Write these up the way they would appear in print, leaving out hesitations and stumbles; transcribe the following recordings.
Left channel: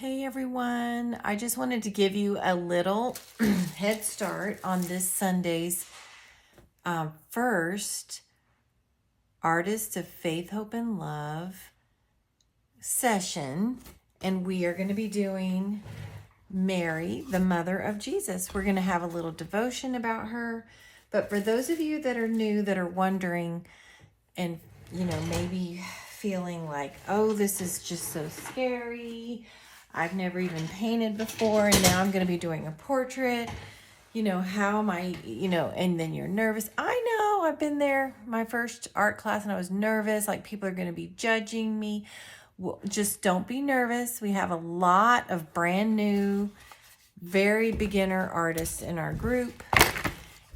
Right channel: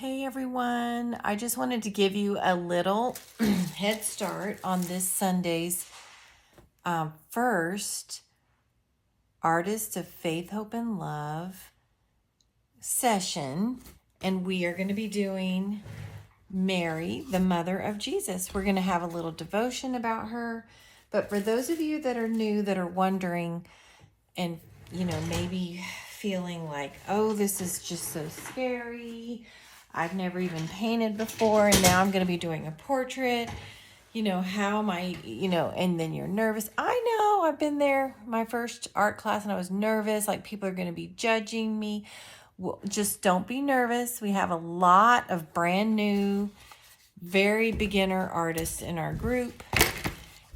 Hey everyone, I just wanted to give you a little head start on this Sunday's first Artists of Faith, Hope, and Love session. And we are going to be doing Mary, the mother of Jesus. We're going to have a little devotion about her. But for those of you that are new, that are wondering and, maybe feeling like, oh, this is just so scary. I've never even painted before, and now I'm going to be doing a portrait. How am I, and then you're nervous. I know, I've been there, my first art class, and I was nervous, like people are going to be judging me. Well, just don't be nervous. We have a lot of brand new, very beginner artists in our group,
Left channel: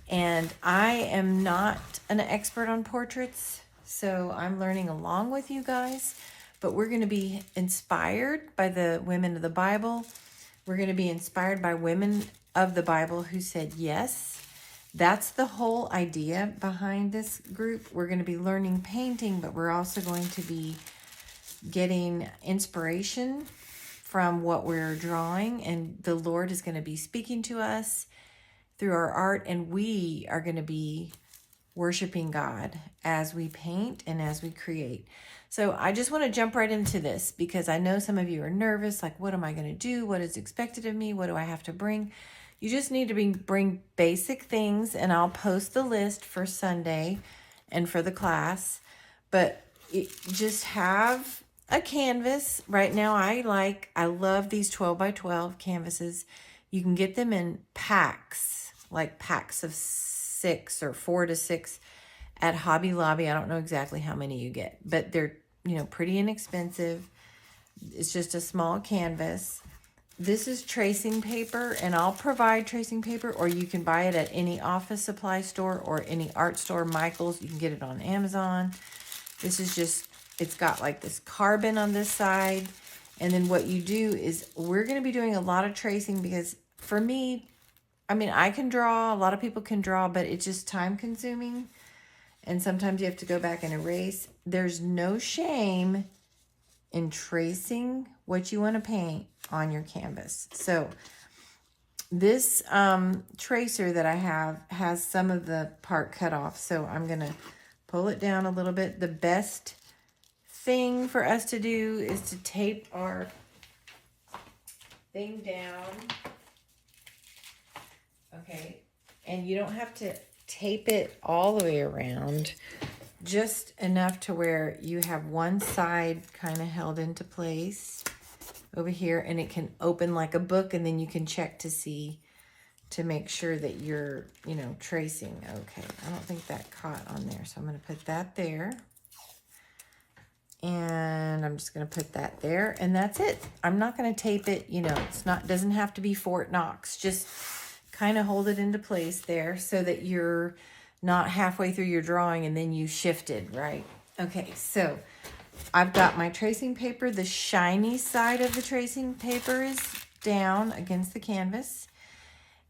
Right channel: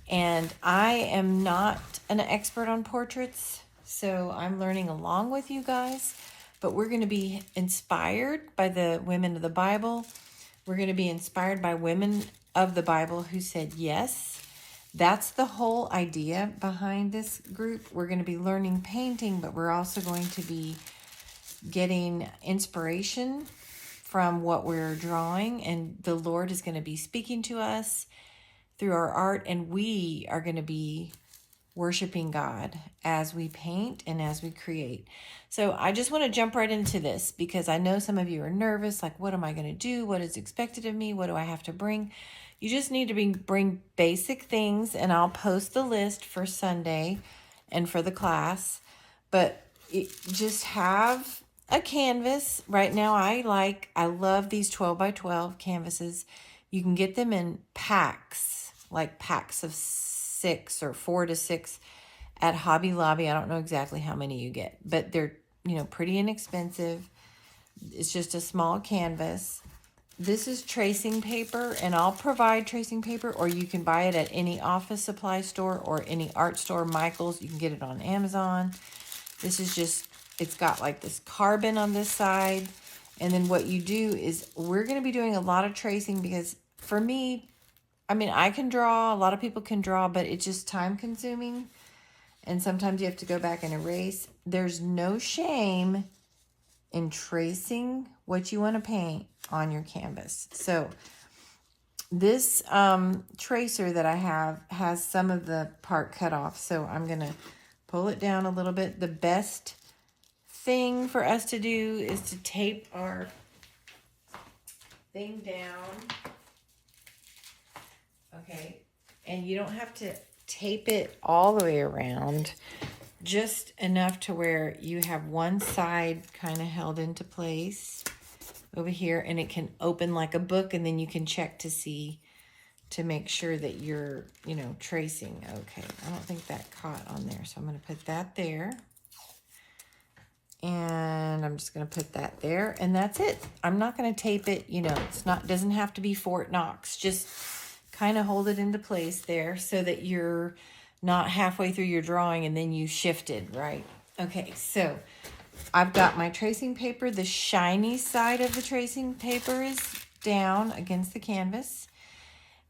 and I am not an expert on portraits, so I'm learning along with you guys. But we're going to be inspired by the women of the Bible. We're going to be inspired by women of the Bible who said yes. That's the whole idea behind this group. We're going to be learning painting, but we're also going to be getting inspiration from what we're drawing. And the Lord is going to be speaking to us through our art, and we are going to be worshiping God as we paint and as we create. So I just want to jump right into this because I know some of you are nervous, like, what am I going to do? What is expected of me? What do I have to bring? You just need to bring basic things, and I'll post the list for Sunday and for the class. But just have a canvas. Right now I love these 12 by 12 canvases. You can get them in packs, like packs of 6 or 4 to 6 at Hobby Lobby. I don't know exactly how many you get, but they're, pretty inexpensive. It's just a small canvas. This is tracing paper, and I'll provide tracing paper, or you can buy it at any office supply store or any art store. Michael's, you can get it on Amazon. This is just, it's got like this carbon on this side. And then what you do is we're going to be doing a lot of tracing because for me, I can draw, a lot of people can draw, but it's just time consuming. And sometimes you have to go back and erase. There's no shame in tracing what you want to paint on your canvas. So this tracer that I have has some of the part cut off. So I'm going to pull it down a little bit. The best thing for us to do is to tape our thing down. Okay, and you don't have to tape it all the way around, just enough to where you have one side kind of held into place over here, and it can open like a book, and then you can check to see, to make sure that you're, tracing. Okay, I don't think that caught on there, so I'm going to put that there. And I'm just going to put that there, and that's it. I'm not going to tape it, doesn't have to be Fort Knox. Just kind of hold it into place there so that you're not halfway through your drawing and then you shifted, right? Okay, so I've got my tracing paper. The shiny side of the tracing paper is down against the canvas.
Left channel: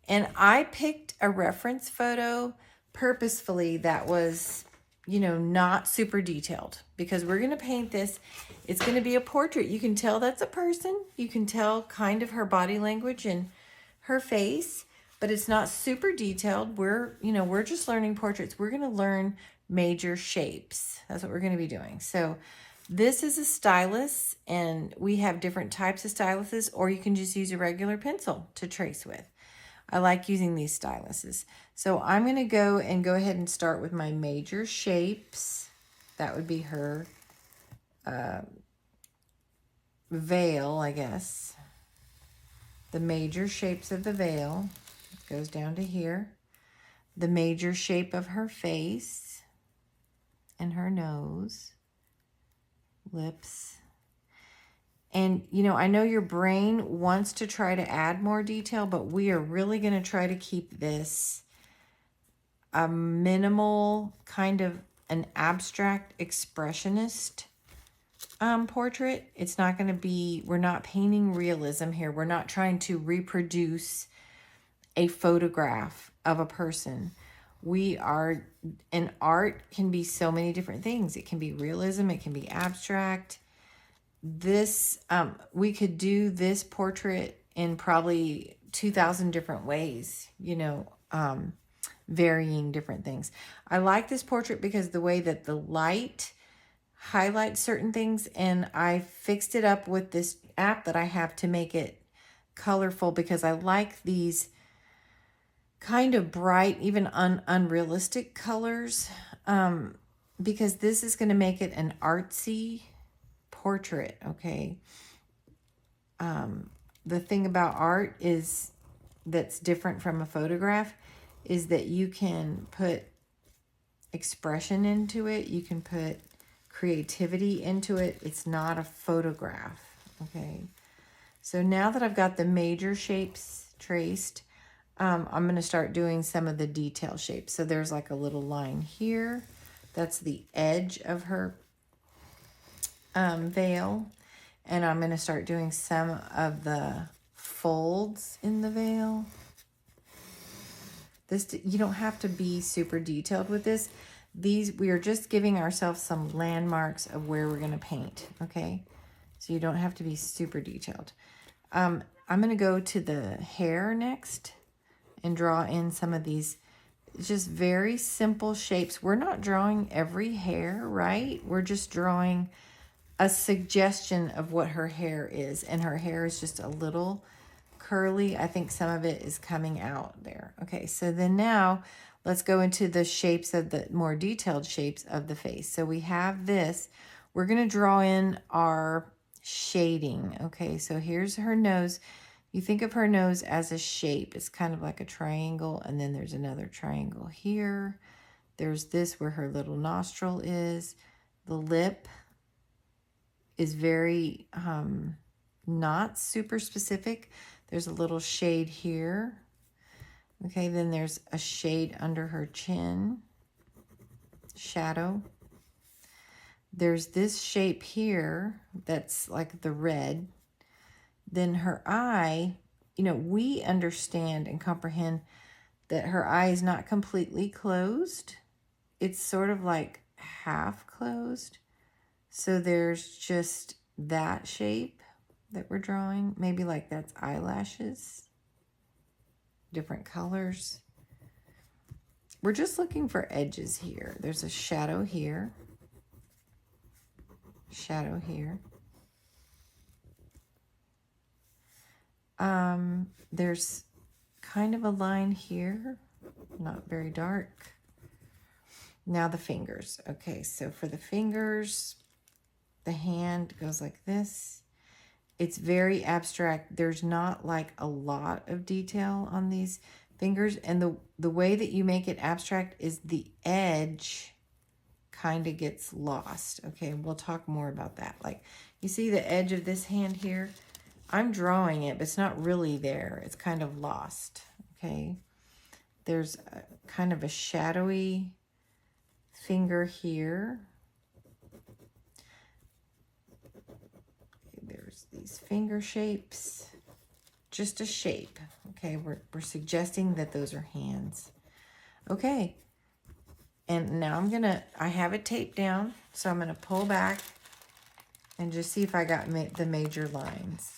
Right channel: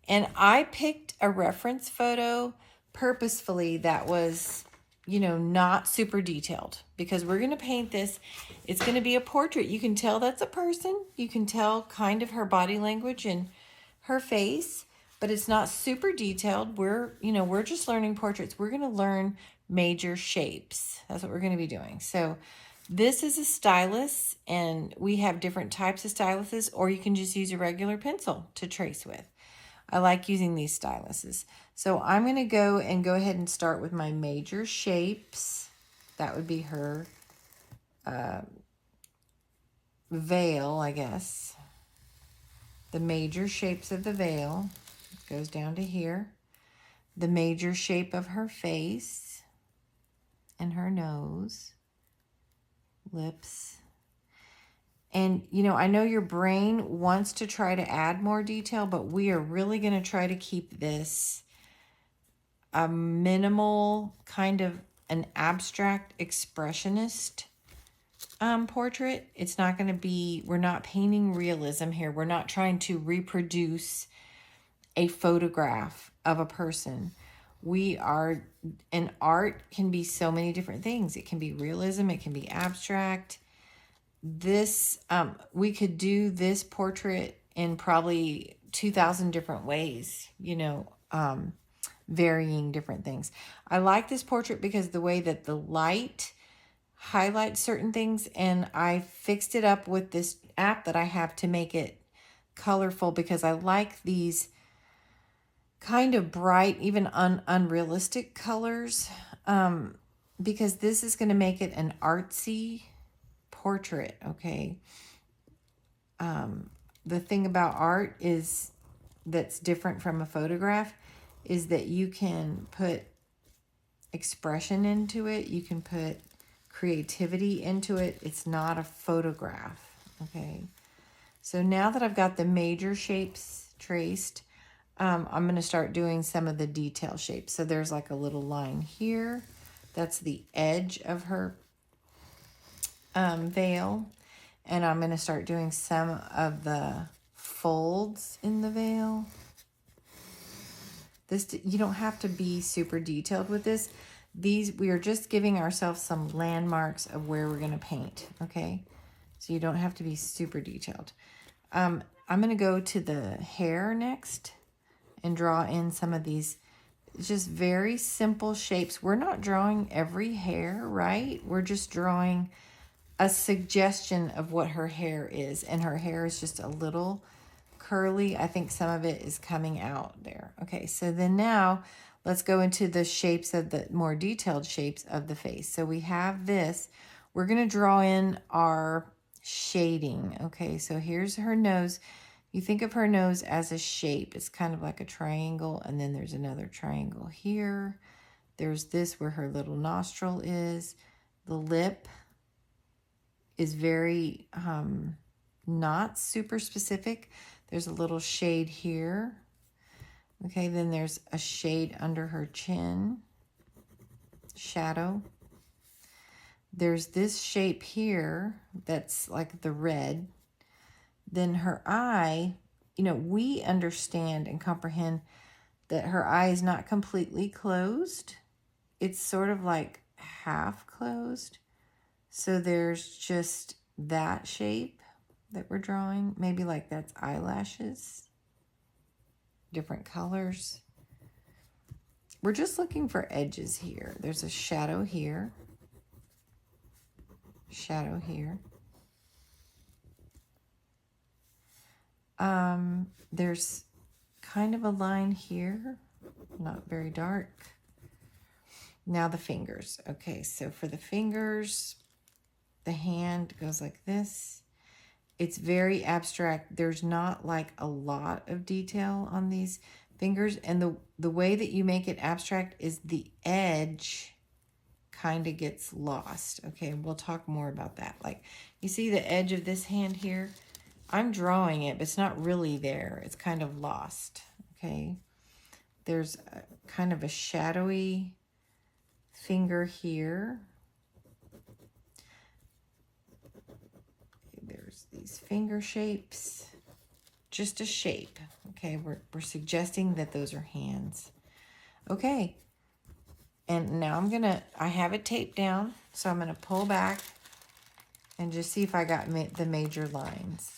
And I picked a reference photo purposefully that was, not super detailed, because we're going to paint this. It's going to be a portrait. You can tell that's a person. You can tell kind of her body language and her face, but it's not super detailed. We're just learning portraits. We're going to learn major shapes. That's what we're going to be doing. So this is a stylus, and we have different types of styluses, or you can just use a regular pencil to trace with. I like using these styluses. So I'm going to go ahead and start with my major shapes. That would be her veil, I guess. The major shapes of the veil goes down to here. The major shape of her face and her nose, lips. And, I know your brain wants to try to add more detail, but we are really going to try to keep this a minimal, kind of an abstract expressionist portrait. It's not going to be, we're not painting realism here. We're not trying to reproduce a photograph of a person. And art can be so many different things. It can be realism, it can be abstract. this, we could do this portrait in probably 2,000 different ways, you know, varying different things. I like this portrait because the way that the light highlights certain things, and I fixed it up with this app that I have to make it colorful because I like these kind of bright, even unrealistic colors, because this is going to make it an artsy portrait, okay? The thing about art is that's different from a photograph is that you can put expression into it. You can put creativity into it. It's not a photograph, okay? So now that I've got the major shapes traced, I'm going to start doing some of the detail shapes. So there's like a little line here. That's the edge of her veil. And I'm going to start doing some of the folds in the veil. This, you don't have to be super detailed with this. These, we are just giving ourselves some landmarks of where we're going to paint, okay? So you don't have to be super detailed. I'm going to go to the hair next and draw in some of these just very simple shapes. We're not drawing every hair, right? We're just drawing a suggestion of what her hair is, and her hair is just a little curly. I think some of it is coming out there. Okay, so then now let's go into the shapes of the more detailed shapes of the face. So we have this. We're going to draw in our shading. Okay, so here's her nose. You think of her nose as a shape. It's kind of like a triangle, and then there's another triangle here. There's this where her little nostril is. The lip is very not super specific. There's a little shade here. Okay, then there's a shade under her chin, shadow. There's this shape here that's like the red. Then her eye, you know, we understand and comprehend that her eye is not completely closed. It's sort of like half closed. So there's just that shape that we're drawing. Maybe like that's eyelashes, different colors. We're just looking for edges here. There's a shadow here, shadow here. There's kind of a line here, not very dark. Now the fingers. Okay, so for the fingers, the hand goes like this. It's very abstract. There's not like a lot of detail on these fingers. And the way that you make it abstract is the edge kind of gets lost. Okay, we'll talk more about that. Like, you see the edge of this hand here? I'm drawing it, but it's not really there. It's kind of lost, okay? There's kind of a shadowy finger here. There's these finger shapes. Just a shape, okay? We're suggesting that those are hands. Okay, and now I have it taped down, so I'm gonna pull back and just see if I got the major lines.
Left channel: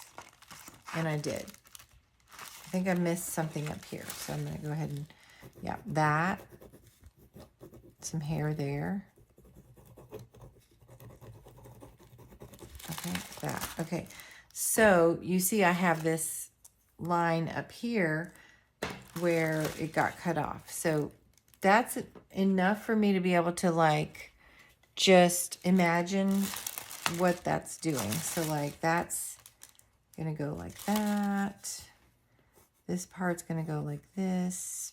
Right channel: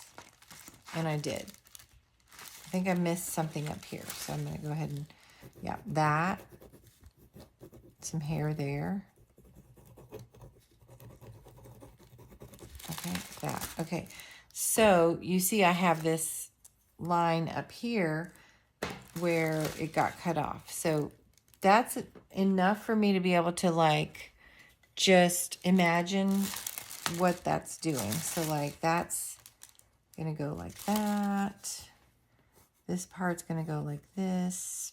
And I did. I think I missed something up here. So I'm going to go ahead and, yeah, that. Some hair there. Okay, that. Okay. So you see I have this line up here where it got cut off. So that's enough for me to be able to like just imagine what that's doing. So like that's going to go like that. This part's going to go like this.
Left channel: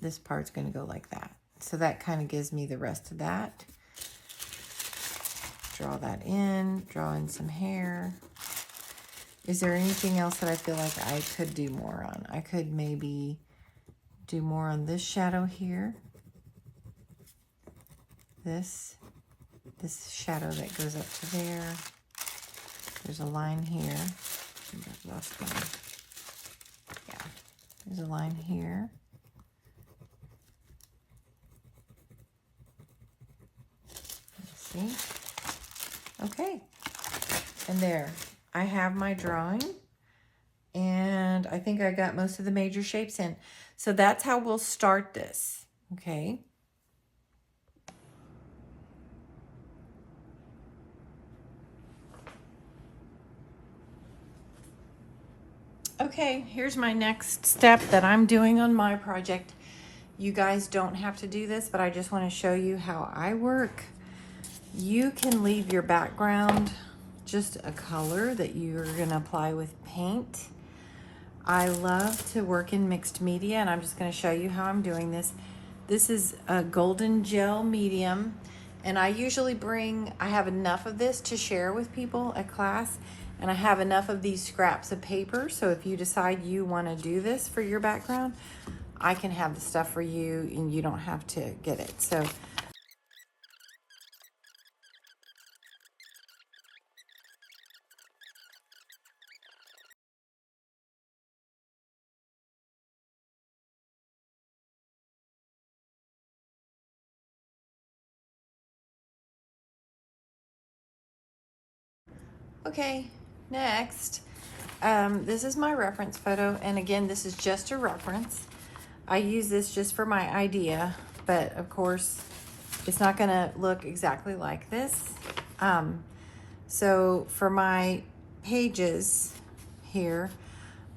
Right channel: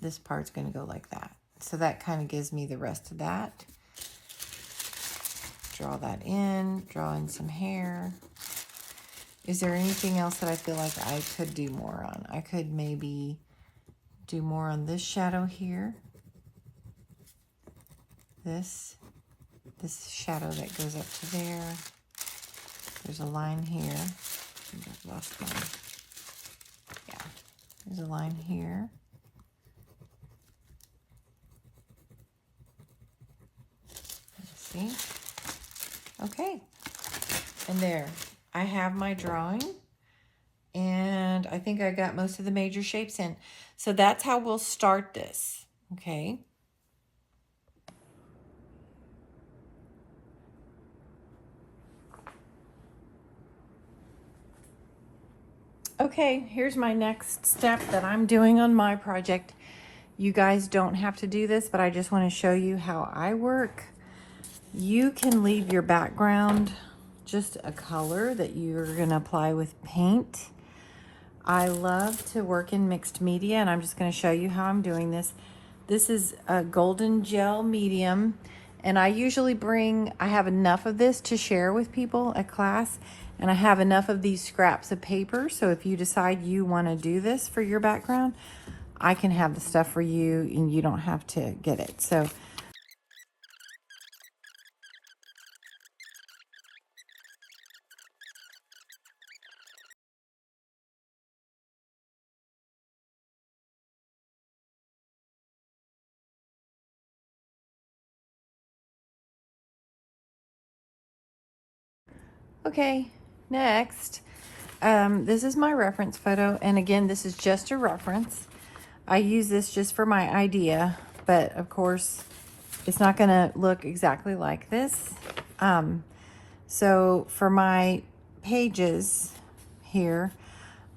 This part's going to go like that. So that kind of gives me the rest of that. Draw that in. Draw in some hair. Is there anything else that I feel like I could do more on? I could maybe do more on this shadow here. This shadow that goes up to there. There's a line here. I think I've lost one. Yeah, there's a line here. Let's see. Okay, and there, I have my drawing, and I think I got most of the major shapes in. So that's how we'll start this, okay? Okay, here's my next step that I'm doing on my project. You guys don't have to do this, but I just want to show you how I work. You can leave your background just a color that you're going to apply with paint. I love to work in mixed media, and I'm just going to show you how I'm doing this. This is a golden gel medium, and I usually I have enough of this to share with people at class, and I have enough of these scraps of paper, so if you decide you want to do this for your background, I can have the stuff for you, and you don't have to get it. So okay, next, this is my reference photo, and again, this is just a reference. I use this just for my idea, but of course, it's not gonna look exactly like this. So for my pages here,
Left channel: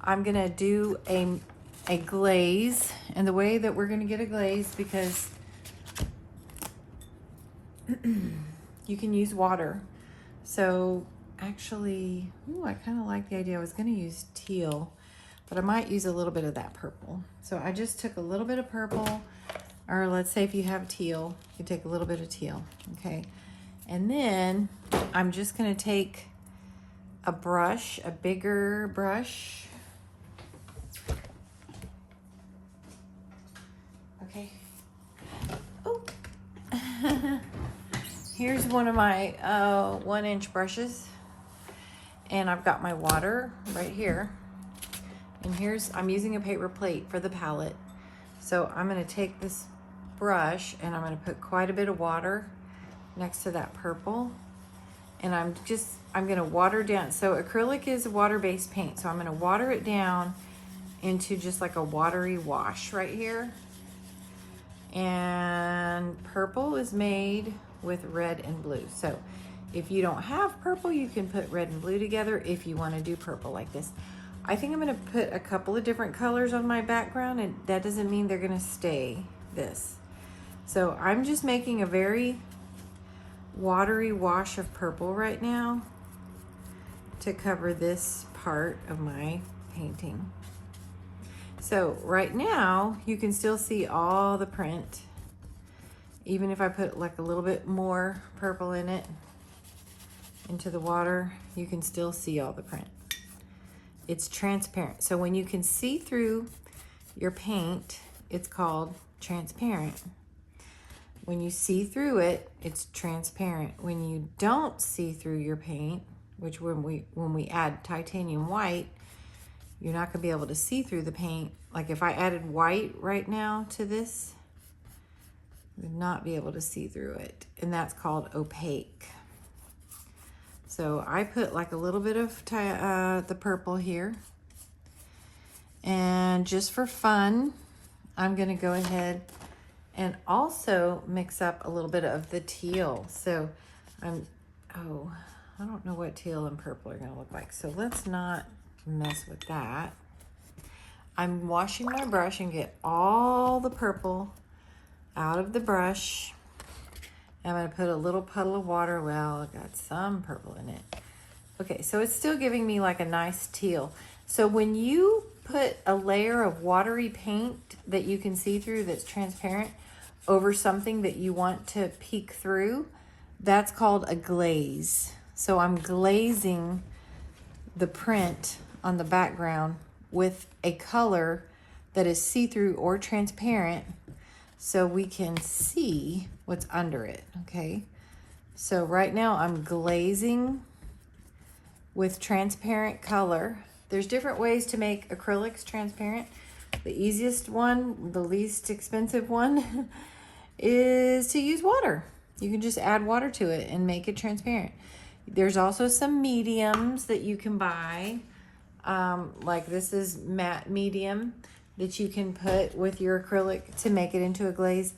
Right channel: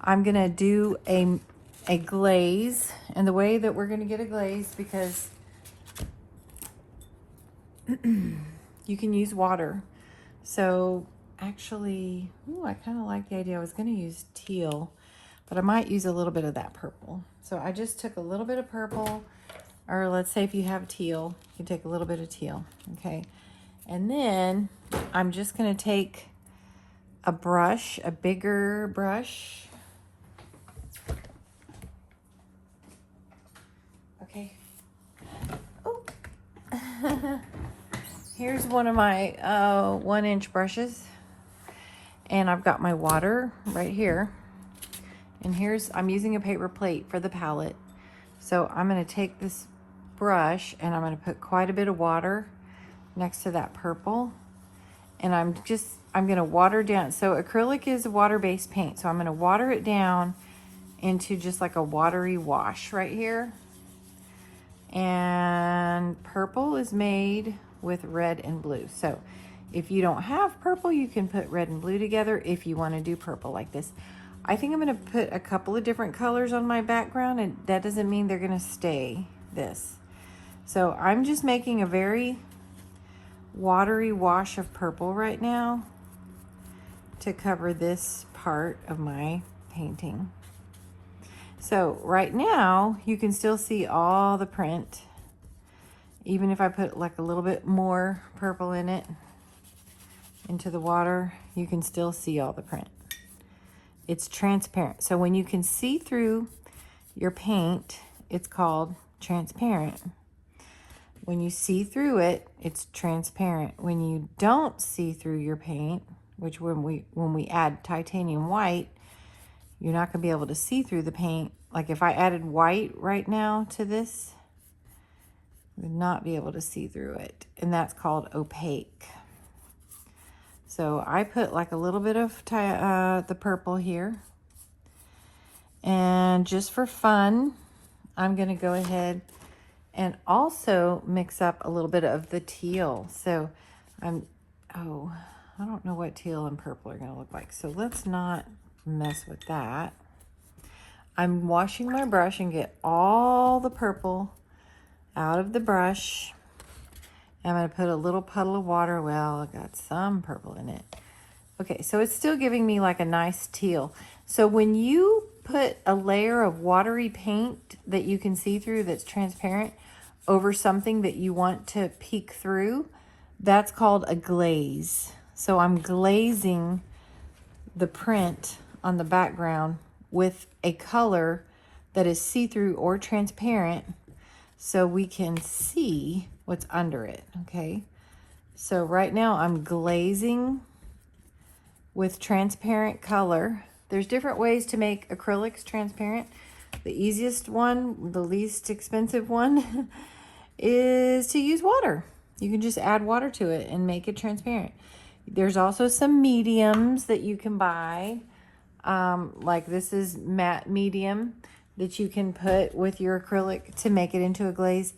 I'm gonna do a glaze, and the way that we're gonna get a glaze, because you can use water. So actually, ooh, I kind of like the idea. I was going to use teal, but I might use a little bit of that purple. So I just took a little bit of purple, or let's say if you have teal, you can take a little bit of teal, okay? And then I'm just going to take a brush, a bigger brush. Okay. Oh. Here's one of my 1-inch brushes, and I've got my water right here, and I'm using a paper plate for the palette. So I'm going to take this brush and I'm going to put quite a bit of water next to that purple, and I'm going to water down. So acrylic is a water-based paint, so I'm going to water it down into just like a watery wash right here. And purple is made with red and blue. So if you don't have purple, you can put red and blue together if you want to do purple like this. I think I'm going to put a couple of different colors on my background, and that doesn't mean they're going to stay this. So I'm just making a very watery wash of purple right now to cover this part of my painting. So right now you can still see all the print, even if I put like a little bit more purple in it into the water, you can still see all the print. It's transparent. So when you can see through your paint, it's called transparent. When you see through it, it's transparent. When you don't see through your paint, which when we add titanium white, you're not gonna be able to see through the paint. Like if I added white right now to this, would not be able to see through it, and that's called opaque. So I put like a little bit of the purple here, and just for fun, I'm gonna go ahead and also mix up a little bit of the teal. So I don't know what teal and purple are gonna look like, so let's not mess with that. I'm washing my brush and get all the purple out of the brush. I'm going to put a little puddle of water. Well, I've got some purple in it. Okay, so it's still giving me like a nice teal. So when you put a layer of watery paint that you can see through, that's transparent, over something that you want to peek through, that's called a glaze. So I'm glazing the print on the background with a color that is see-through or transparent, so we can see what's under it, okay? So right now I'm glazing with transparent color. There's different ways to make acrylics transparent. The easiest one, the least expensive one, is to use water. You can just add water to it and make it transparent. There's also some mediums that you can buy. Like this is matte medium that you can put with your acrylic to make it into a glaze.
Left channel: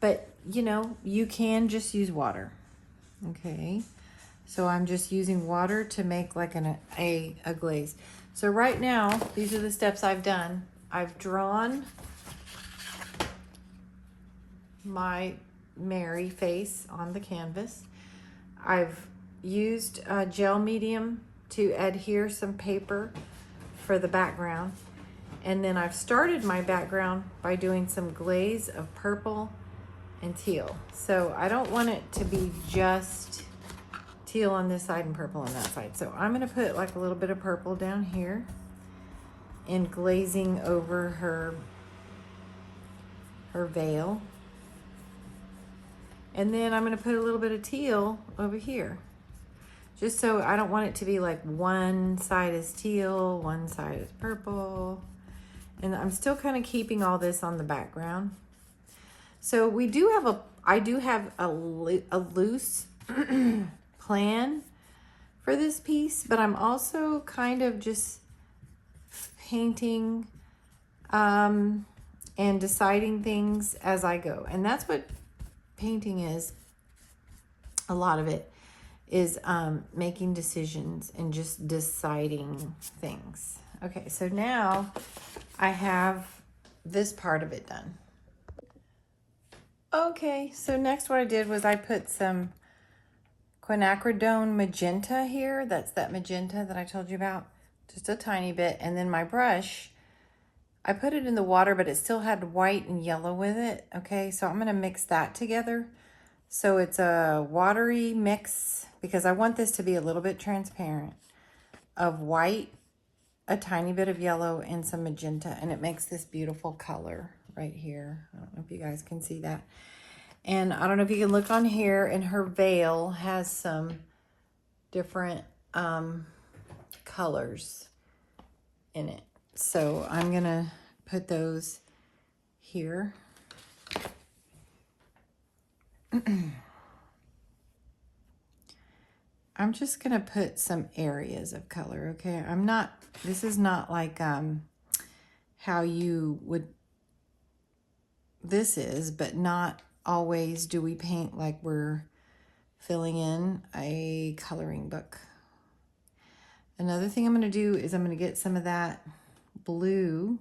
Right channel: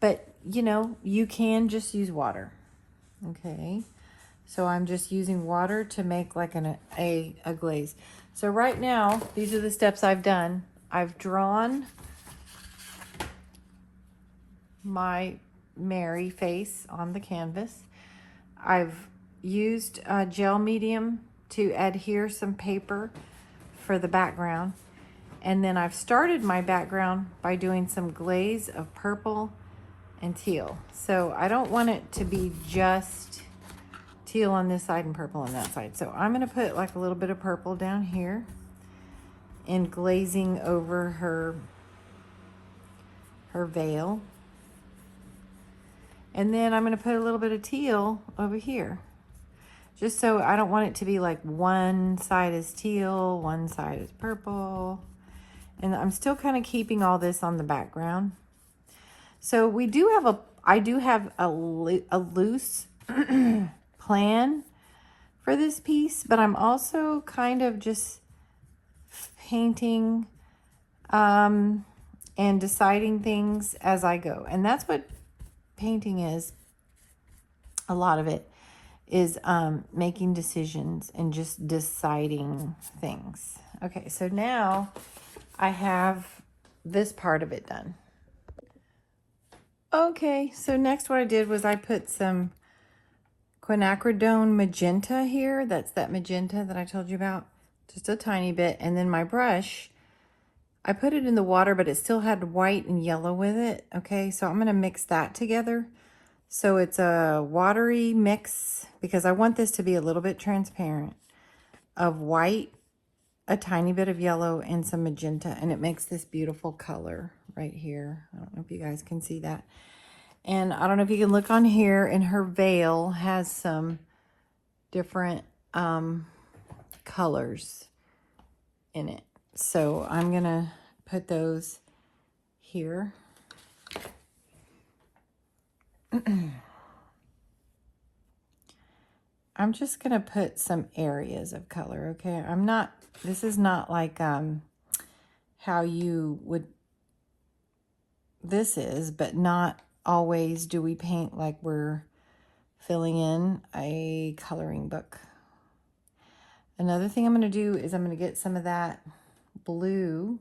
But, you know, you can just use water. Okay. So I'm just using water to make like a glaze. So right now, these are the steps I've done. I've drawn my Mary face on the canvas. I've used gel medium to adhere some paper for the background. And then I've started my background by doing some glaze of purple and teal. So I don't want it to be just teal on this side and purple on that side. So I'm going to put like a little bit of purple down here and glazing over her veil. And then I'm going to put a little bit of teal over here. Just so I don't want it to be like one side is teal, one side is purple. And I'm still kind of keeping all this on the background. So we do have I do have a loose plan for this piece, but I'm also kind of just painting and deciding things as I go. And that's what painting is. A lot of it is making decisions and just deciding things. Okay, so now I have this part of it done. Okay, so next what I did was I put some quinacridone magenta here. That's that magenta that I told you about, just a tiny bit. And then my brush, I put it in the water, but it still had white and yellow with it. Okay, so I'm gonna mix that together. So it's a watery mix because I want this to be a little bit transparent of white, a tiny bit of yellow, and some magenta, and it makes this beautiful color right here. I don't know if you guys can see that. And I don't know if you can look on here, and her veil has some different colors in it. So I'm gonna put those here. I'm just gonna put some areas of color, okay? This is not like how you would, this is, but not always do we paint like we're filling in a coloring book. Another thing I'm gonna do is I'm gonna get some of that blue.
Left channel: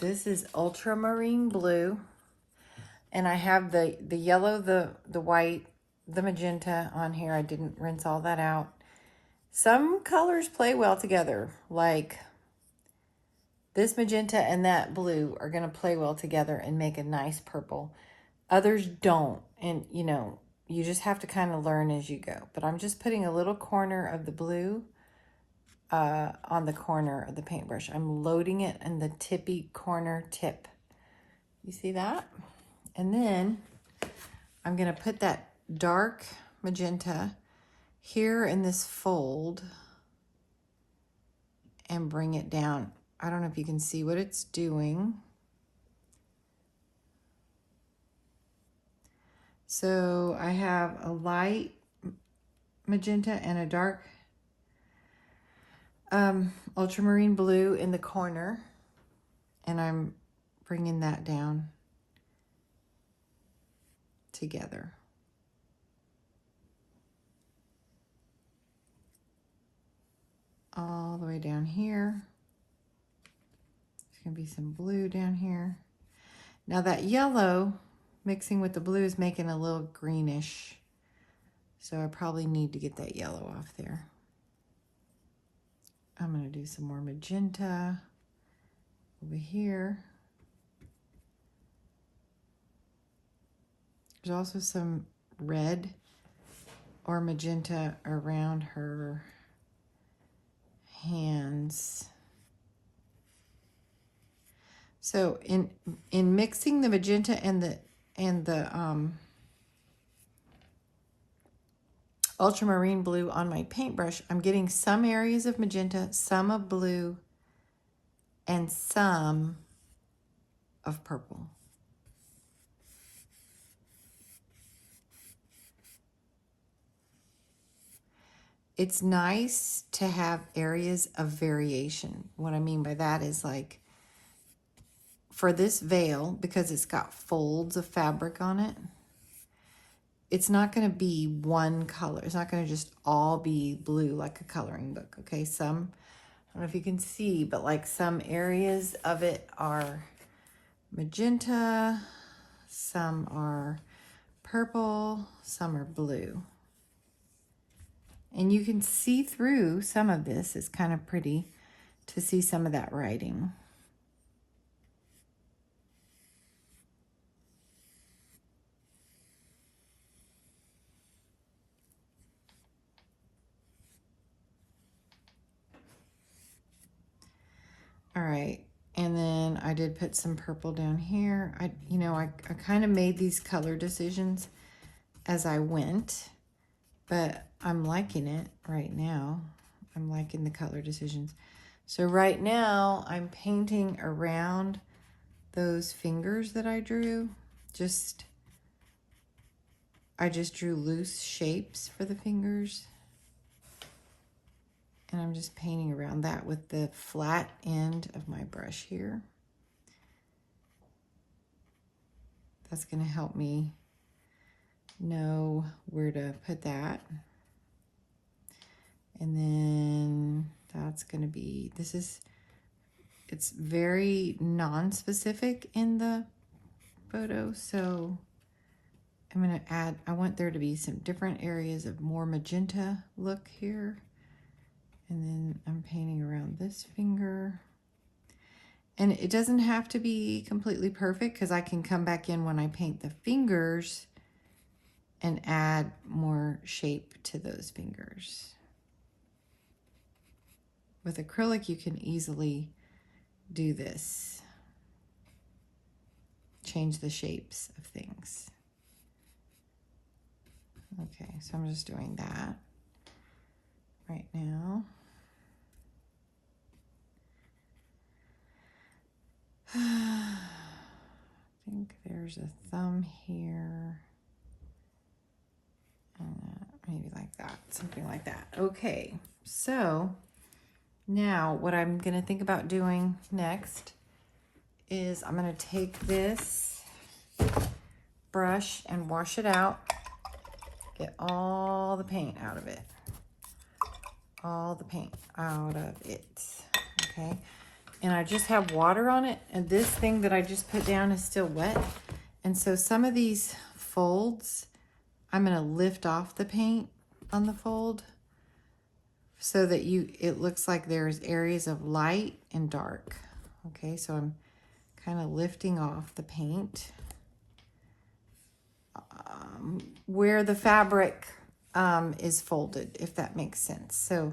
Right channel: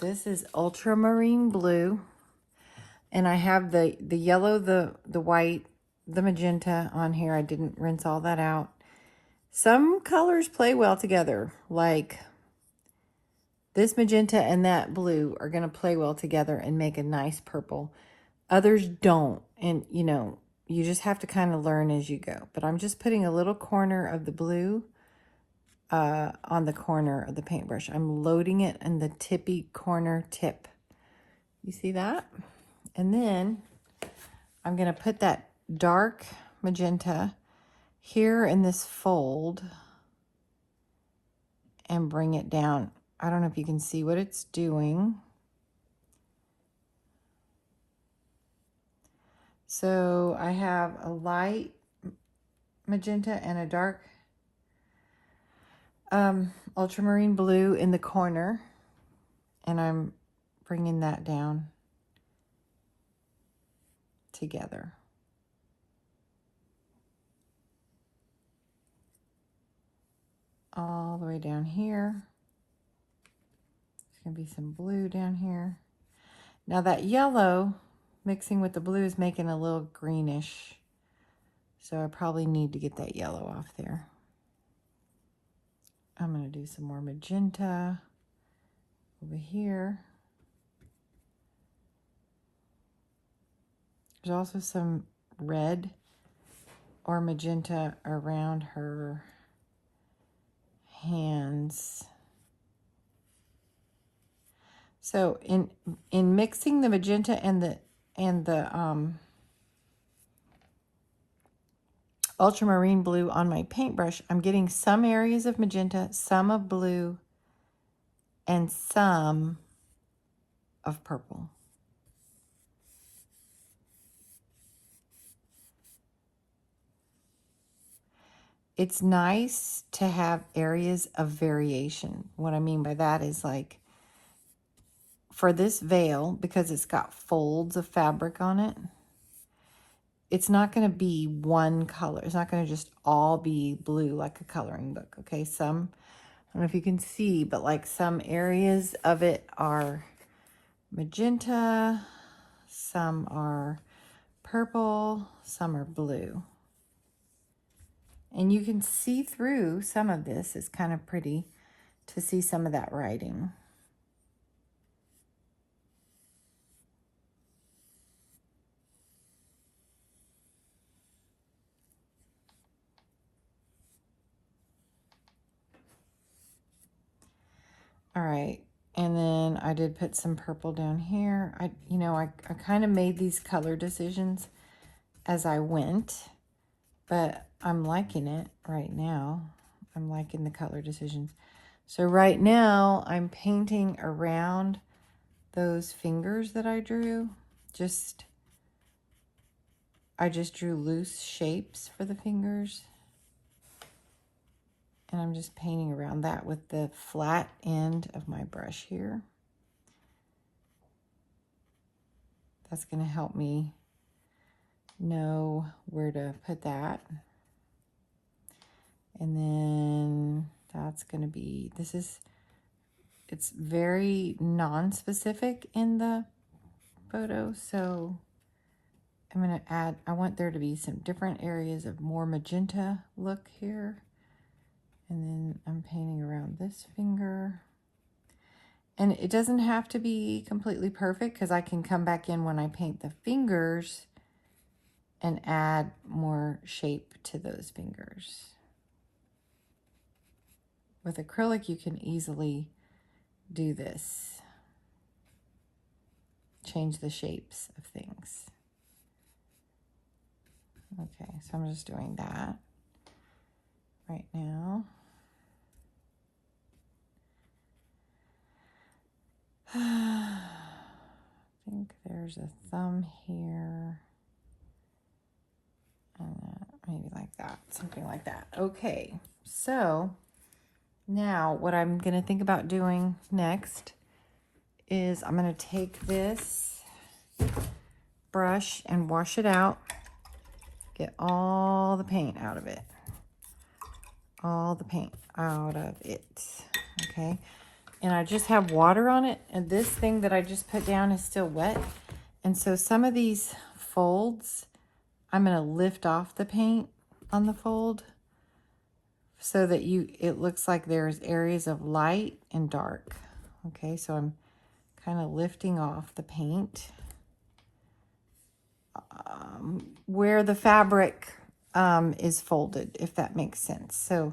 This is ultramarine blue. And I have the yellow, the white, the magenta on here. I didn't rinse all that out. Some colors play well together, like this magenta and that blue are going to play well together and make a nice purple. Others don't, and you know, you just have to kind of learn as you go. But I'm just putting a little corner of the blue on the corner of the paintbrush. I'm loading it in the tippy corner tip. You see that? And then I'm going to put that dark magenta here in this fold and bring it down. I don't know if you can see what it's doing. So I have a light magenta and a dark ultramarine blue in the corner, and I'm bringing that down together. All the way down here. There's going to be some blue down here. Now that yellow mixing with the blue is making a little greenish, so I probably need to get that yellow off there. I'm going to do some more magenta over here. There's also some red or magenta around her hands. So in mixing the magenta and the ultramarine blue on my paintbrush, I'm getting some areas of magenta, some of blue, and some of purple. it's nice to have areas of variation. What I mean by that is, like, for this veil, because it's got folds of fabric on it, it's not going to be one color. It's not going to just all be blue like a coloring book, okay? Some, I don't know if you can see, but like some areas of it are magenta, some are purple, some are blue. And you can see through some of this. It's kind of pretty to see some of that writing. All right, and then I did put some purple down here. I kind of made these color decisions as I went, but I'm liking it right now. I'm liking the color decisions. So right now I'm painting around those fingers that I drew. I just drew loose shapes for the fingers. And I'm just painting around that with the flat end of my brush here. That's going to help me know where to put that. And then that's going to be, it's very non-specific in the photo. So I'm going to add, I want there to be some different areas of more magenta look here. And then I'm painting around this finger. And it doesn't have to be completely perfect, because I can come back in when I paint the fingers and add more shape to those fingers. With acrylic, you can easily do this. Change the shapes of things. Okay, so I'm just doing that right now. I think there's a thumb here. Maybe like that, something like that. Okay, so now what I'm going to think about doing next is I'm going to take this brush and wash it out. Get all the paint out of it. All the paint out of it. Okay. And I just have water on it, and this thing that I just put down is still wet. And so some of these folds, I'm going to lift off the paint on the fold so that it looks like there's areas of light and dark. Okay, so I'm kind of lifting off the paint where the fabric is folded, if that makes sense. So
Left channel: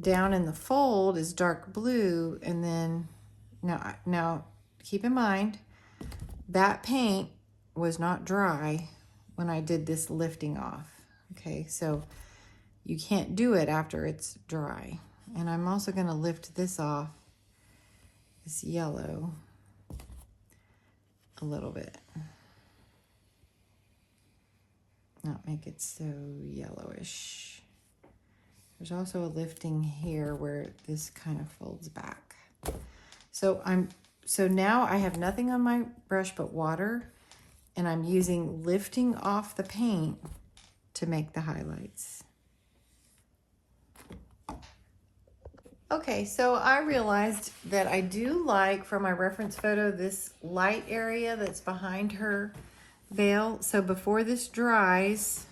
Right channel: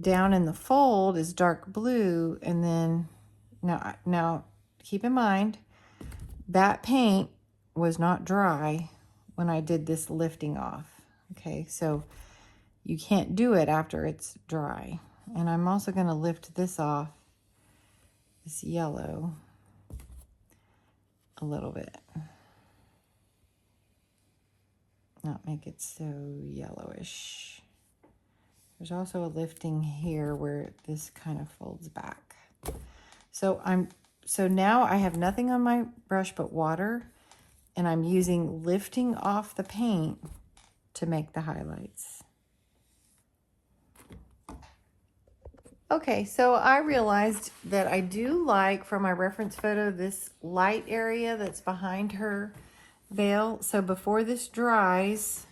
down in the fold is dark blue, and then now keep in mind that paint was not dry when I did this lifting off. Okay, so you can't do it after it's dry. And I'm also going to lift this off, this yellow, a little bit. Not make it so yellowish. There's also a lifting here where this kind of folds back. So now I have nothing on my brush but water, and I'm using lifting off the paint to make the highlights. Okay, so I realized that I do like, for my reference photo, this light area that's behind her veil. So before this dries,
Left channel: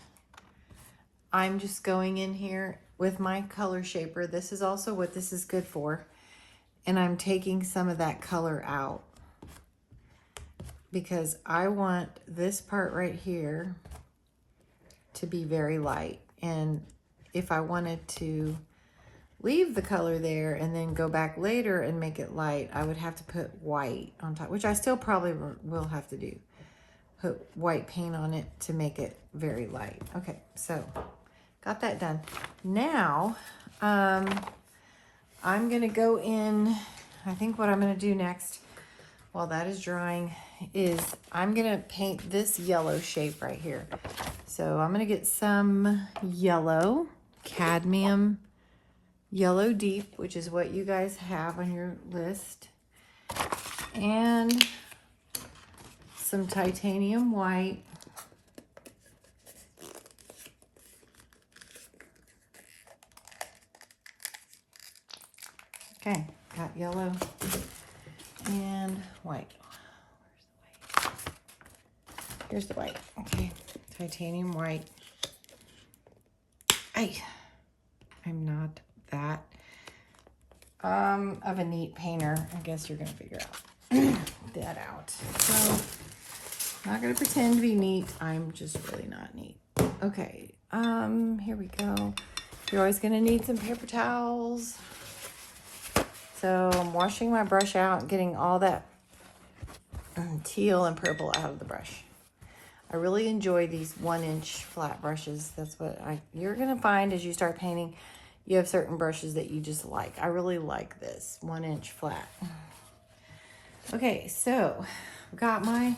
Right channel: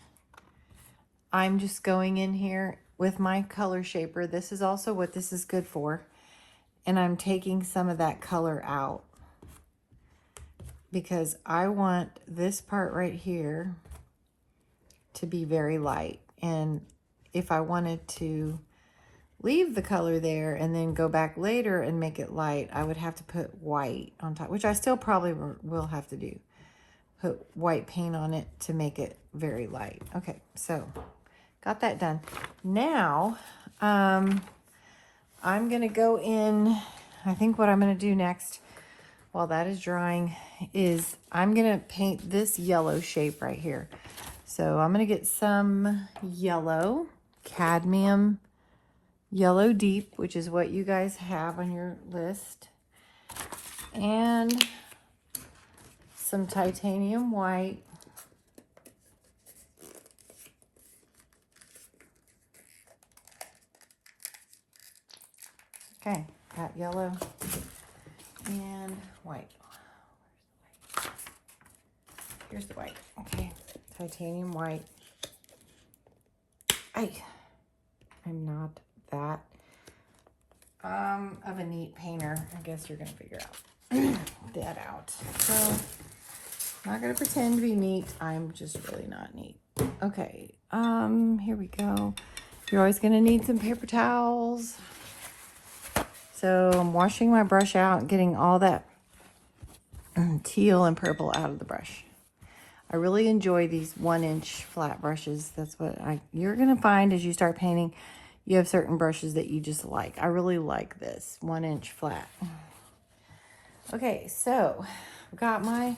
I'm just going in here with my color shaper. This is also what this is good for. And I'm taking some of that color out because I want this part right here to be very light. And if I wanted to leave the color there and then go back later and make it light, I would have to put white on top, which I still probably will have to do. Put white paint on it to make it very light. Okay, so got that done. Now, I'm gonna go in, I think what I'm gonna do next while that is drying is I'm gonna paint this yellow shape right here. So I'm gonna get some yellow cadmium yellow deep, which is what you guys have on your list, and some titanium white. Okay, got yellow and white. Here's the white. Okay, titanium white. I'm not that of a neat painter. I guess you're gonna figure that out. So, not gonna pretend to be neat. I'm just really not neat. Okay, here we go. You're always gonna need some paper towels. So I'm washing my brush out, getting all that teal and purple out of the brush. I really enjoy these 1-inch flat brushes. That's what you're gonna find as you start painting. You have certain brushes that you just like. I really like this 1-inch flat. Okay, so I've got my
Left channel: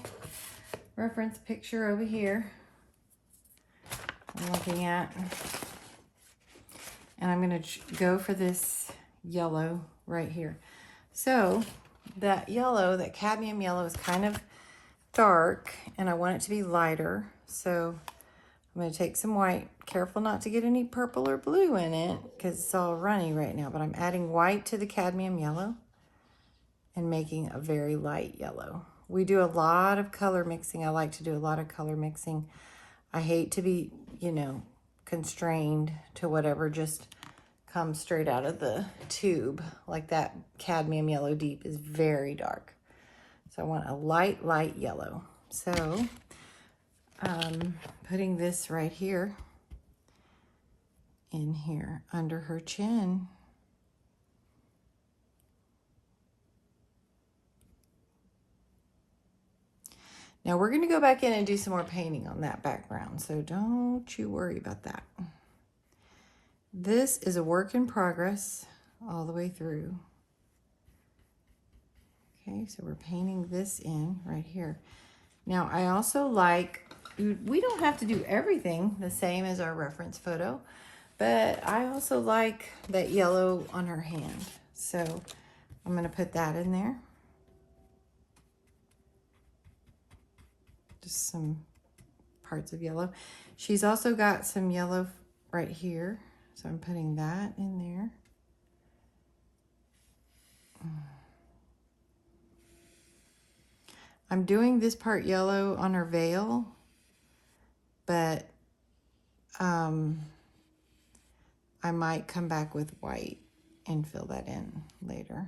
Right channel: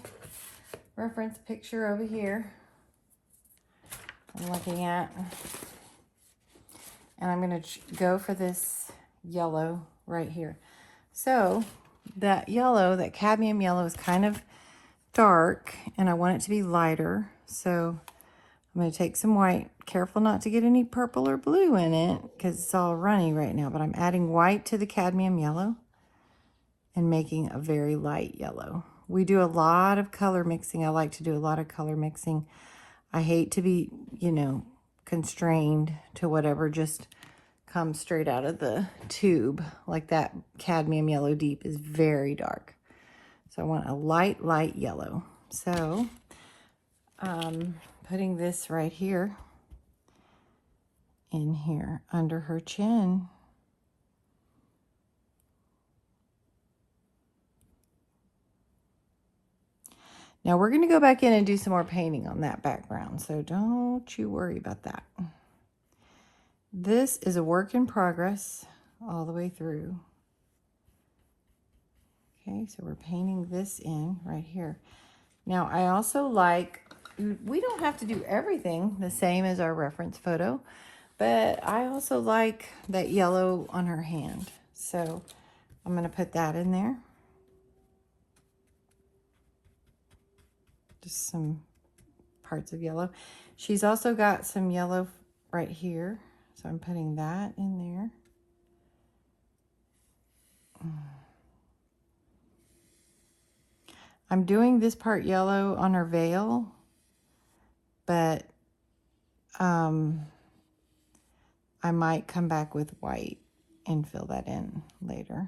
reference picture over here I'm looking at. And I'm gonna go for this yellow right here. So that yellow, that cadmium yellow, is kind of dark and I want it to be lighter. So I'm going to take some white. Careful not to get any purple or blue in it because it's all runny right now. But I'm adding white to the cadmium yellow and making a very light yellow. We do a lot of color mixing. I like to do a lot of color mixing. I hate to be, you know, constrained to whatever just comes straight out of the tube. Like that cadmium yellow deep is very dark. So I want a light yellow. So putting this right here in here under her chin. Now we're going to go back in and do some more painting on that background, so don't you worry about that. This is a work in progress all the way through. Okay, so we're painting this in right here. Now I also like, we don't have to do everything the same as our reference photo, but I also like that yellow on her hand. So I'm going to put that in there. Just some parts of yellow. She's also got some yellow right here. So I'm putting that in there. I'm doing this part yellow on her veil, but I might come back with white and fill that in later.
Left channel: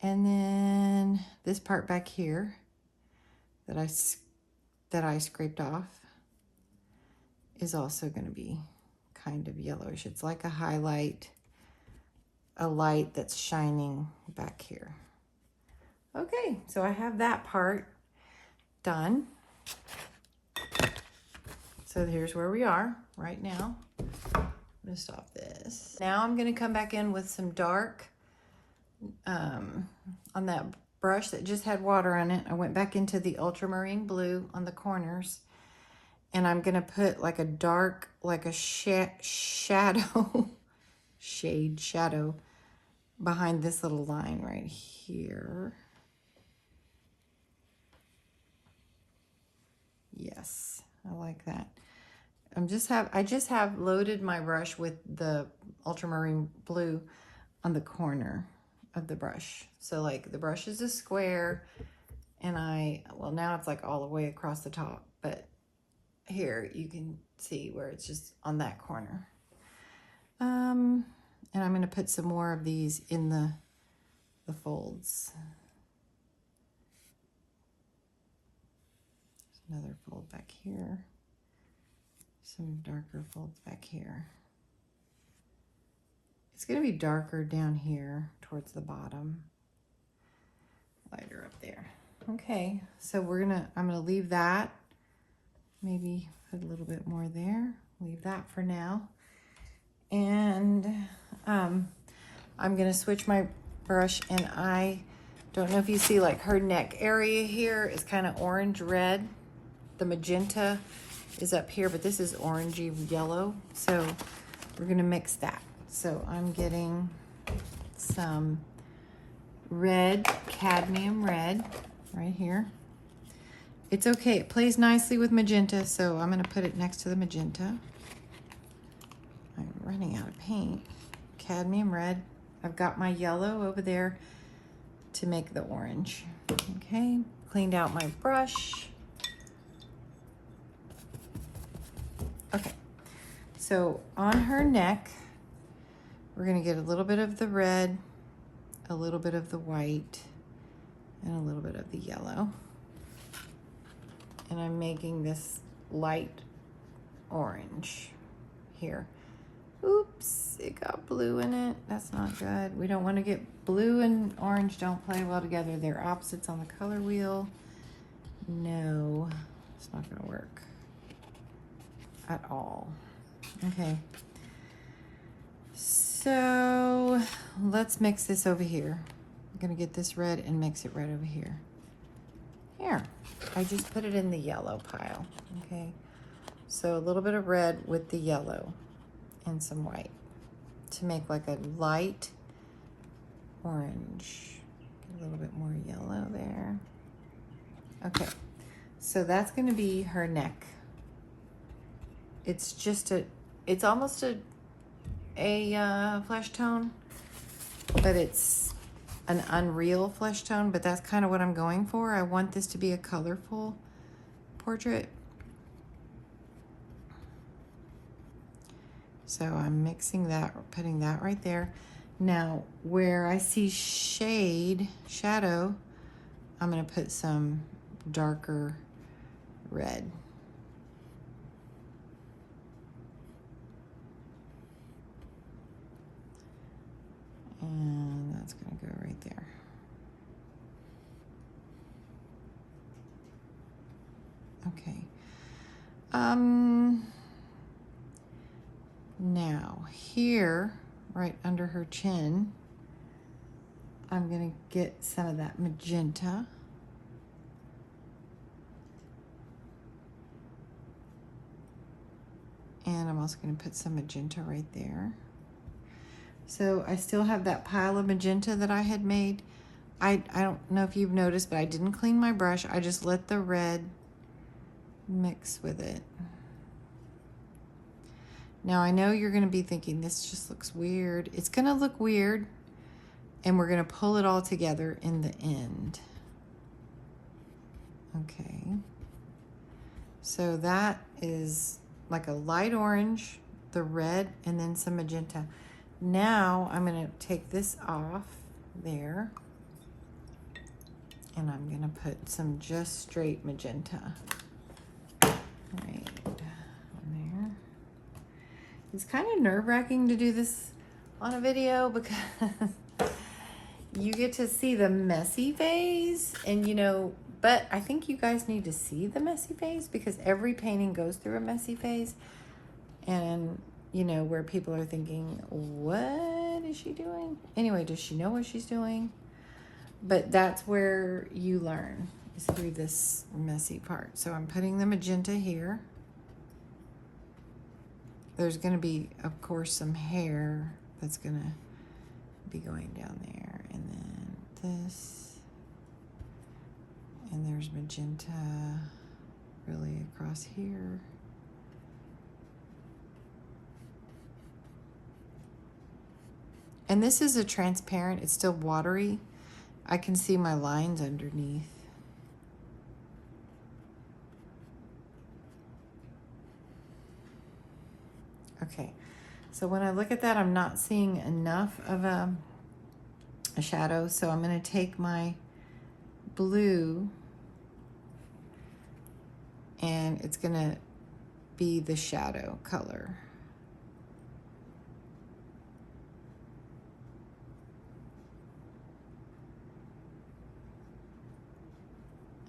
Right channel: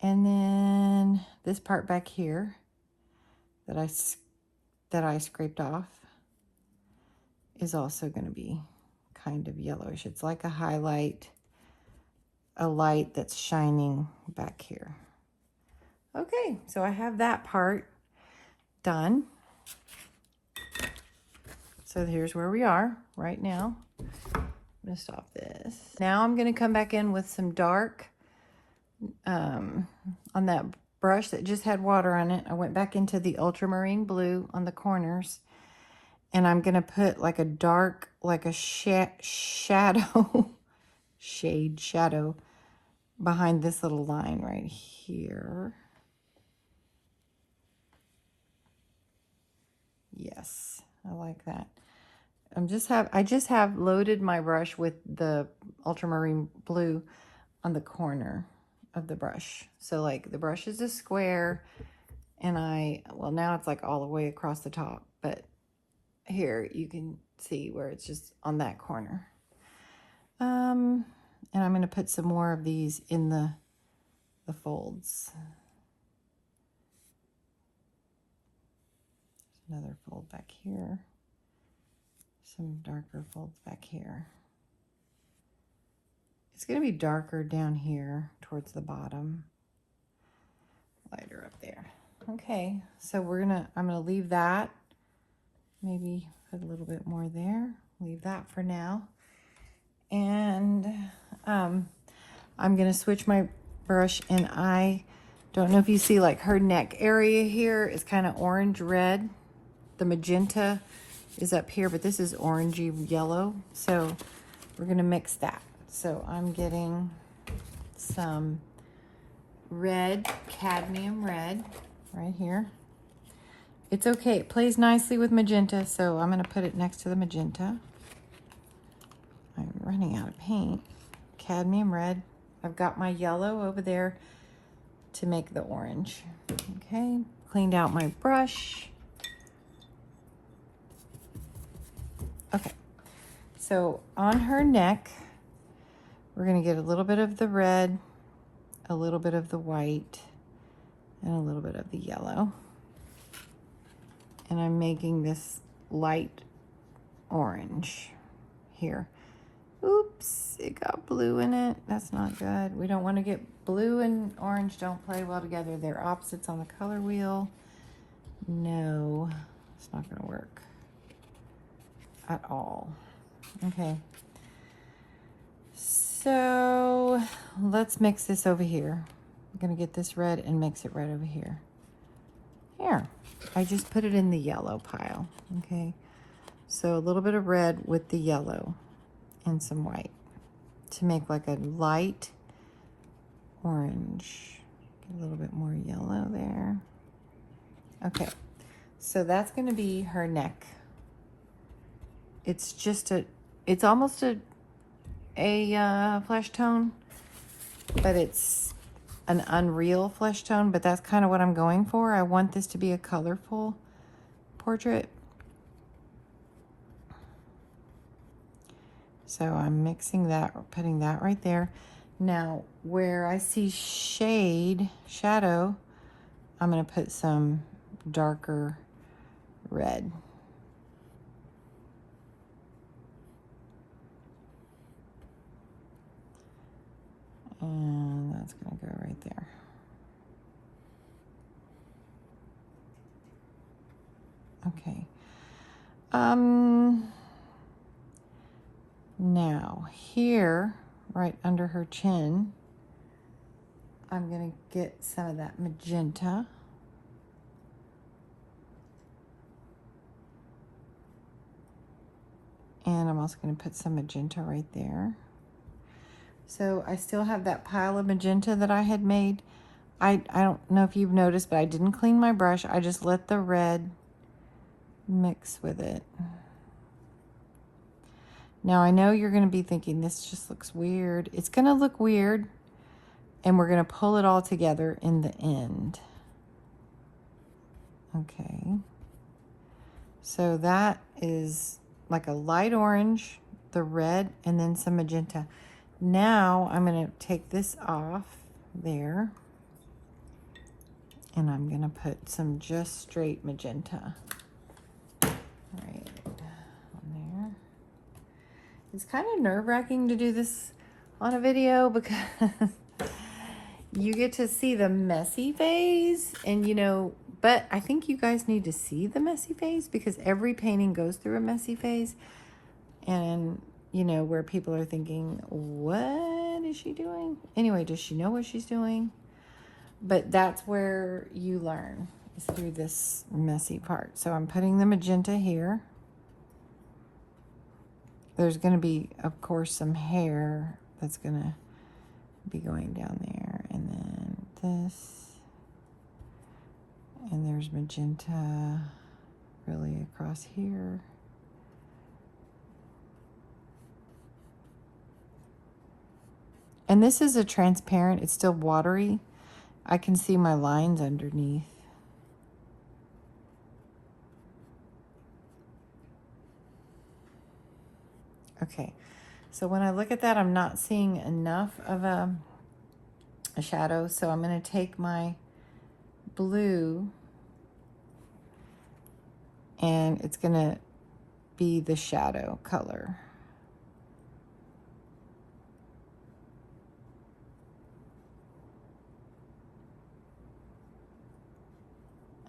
And then this part back here that I scraped off is also going to be kind of yellowish. It's like a highlight, a light that's shining back here. Okay, so I have that part done. So here's where we are right now. I'm gonna stop this. Now I'm gonna come back in with some dark on that brush that just had water on it. I went back into the ultramarine blue on the corners, and I'm gonna put like a dark, like a shadow, shadow behind this little line right here. Yes, I like that. I just have loaded my brush with the ultramarine blue on the corner of the brush. So like the brush is a square, and well, now it's like all the way across the top, but here you can see where it's just on that corner. And I'm going to put some more of these in the folds. There's another fold back here. Some darker folds back here. It's going to be darker down here towards the bottom. Lighter up there. Okay, so I'm gonna leave that. Maybe put a little bit more there. Leave that for now. And I'm gonna switch my brush, and I don't know if you see, like, her neck area here is kind of orange red. The magenta is up here, but this is orangey yellow. So we're gonna mix that. So I'm getting some red, cadmium red right here. It's okay, it plays nicely with magenta, so I'm gonna put it next to the magenta. I'm running out of paint. Cadmium red. I've got my yellow over there to make the orange. Okay, cleaned out my brush. Okay, so on her neck, we're gonna get a little bit of the red, a little bit of the white, and a little bit of the yellow. And I'm making this light orange here. Oops, it got blue in it. That's not good. We don't want to get blue and orange don't play well together. They're opposites on the color wheel. No, it's not going to work at all. Okay. So let's mix this over here. I'm going to get this red and mix it right over here. Here, I just put it in the yellow pile. Okay. So a little bit of red with the yellow and some white to make like a light orange. Get a little bit more yellow there. Okay, so that's going to be her neck. It's just it's almost a flesh tone, but it's an unreal flesh tone, but that's kind of what I'm going for. I want this to be a colorful portrait. So I'm mixing that, putting that right there. Now, where I see shadow, I'm gonna put some darker red. And that's gonna go right there. Okay. Now here, right under her chin, I'm gonna get some of that magenta. And I'm also gonna put some magenta right there. So I still have that pile of magenta that I had made. I don't know if you've noticed, but I didn't clean my brush. I just let the red mix with it. Now I know you're gonna be thinking this just looks weird. It's gonna look weird, and we're gonna pull it all together in the end. Okay. So that is like a light orange, the red, and then some magenta. Now I'm gonna take this off there, and I'm gonna put some just straight magenta right on there. It's kind of nerve-wracking to do this on a video because you get to see the messy phase, and you know, but I think you guys need to see the messy phase because every painting goes through a messy phase, and you know, where people are thinking, what is she doing? Anyway, does she know what she's doing? But that's where you learn, is through this messy part. So I'm putting the magenta here. There's going to be, of course, some hair that's going to be going down there. And then this. And there's magenta really across here. And this is a transparent, it's still watery. I can see my lines underneath. Okay, so when I look at that, I'm not seeing enough of a shadow, so I'm going to take my blue and it's going to be the shadow color.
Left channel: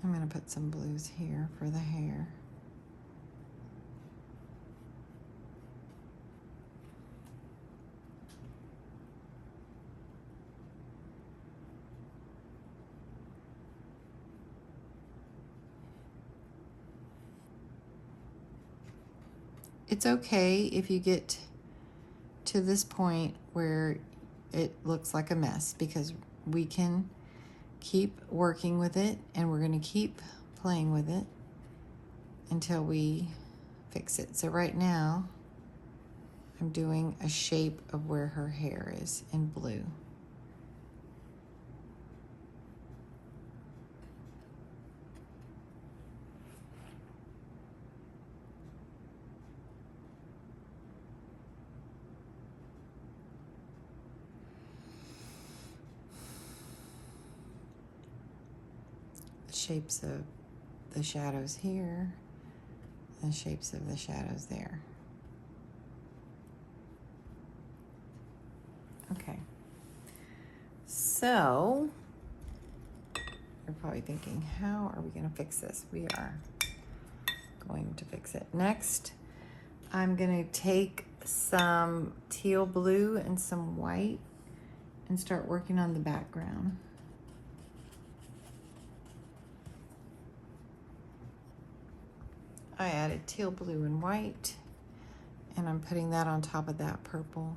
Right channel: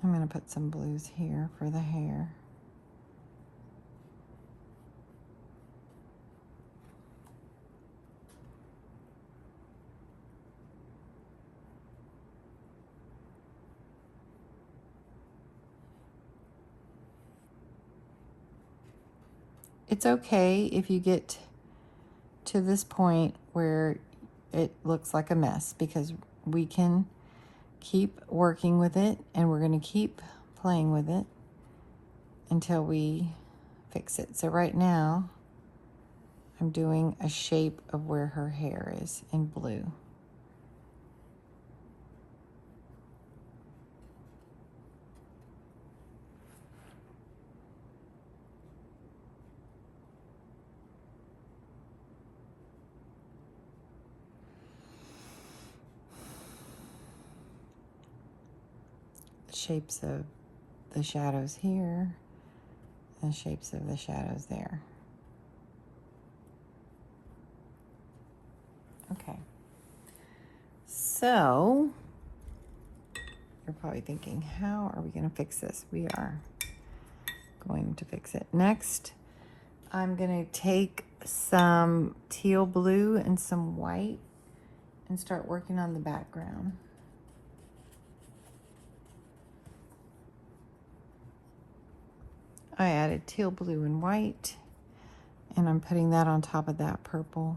I'm going to put some blues here for the hair. It's okay if you get to this point where it looks like a mess, because we can keep working with it, and we're going to keep playing with it until we fix it. So right now, I'm doing a shape of where her hair is in blue. Shapes of the shadows here, and shapes of the shadows there. Okay. So, you're probably thinking, how are we going to fix this? We are going to fix it. Next, I'm going to take some teal blue and some white and start working on the background. I added teal blue and white, and I'm putting that on top of that purple.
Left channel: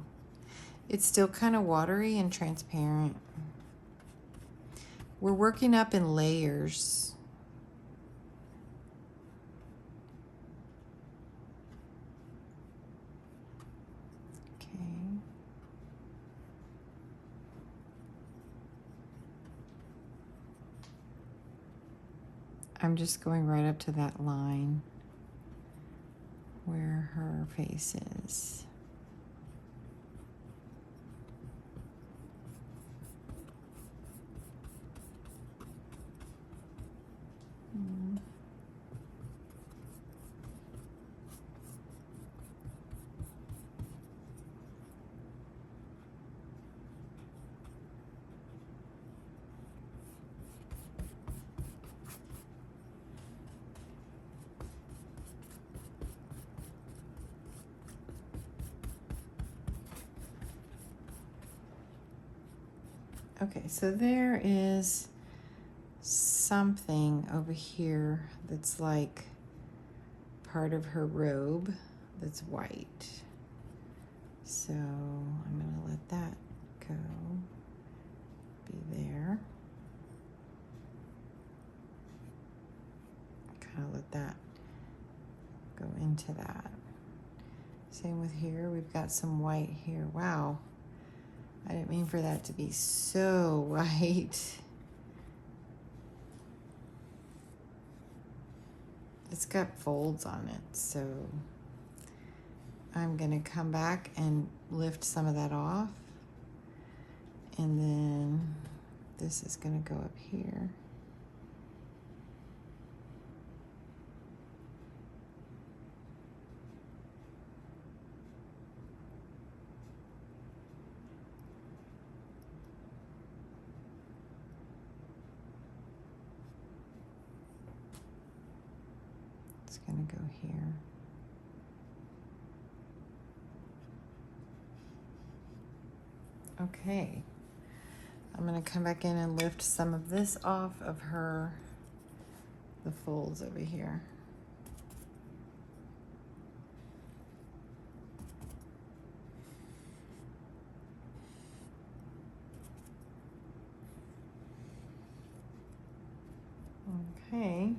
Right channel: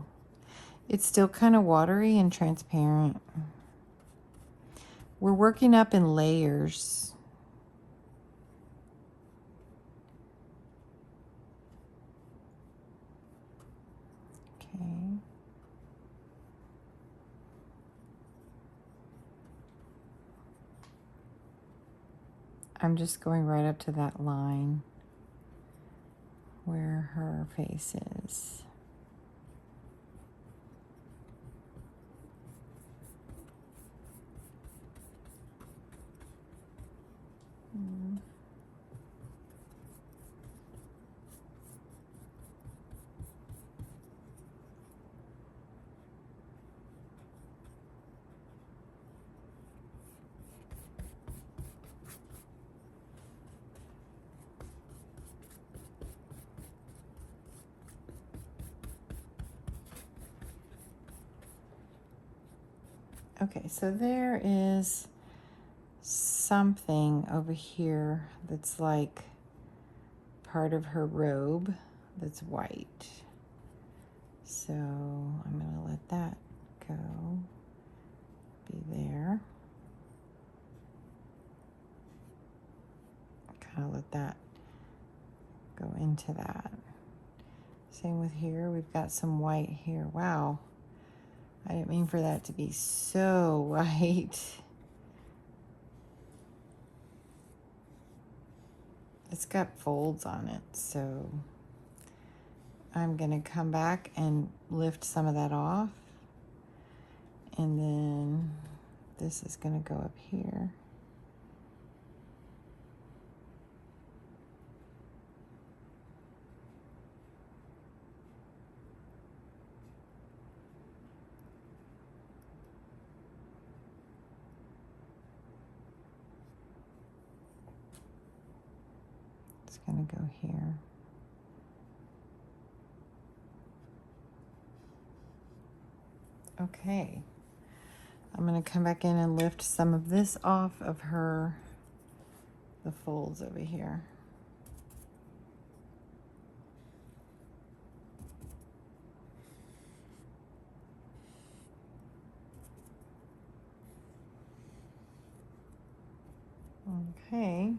It's still kind of watery and transparent. We're working up in layers. Okay. I'm just going right up to that line where her face is. Okay, so there is something over here that's like part of her robe that's white. So I'm going to let that go, be there. Kind of let that go into that. Same with here, we've got some white here. Wow, I didn't mean for that to be so white. It's got folds on it, so I'm gonna come back and lift some of that off, and then this is gonna go up here. It's gonna go here. Okay, I'm gonna come back in and lift some of this off of her, the folds over here. Okay.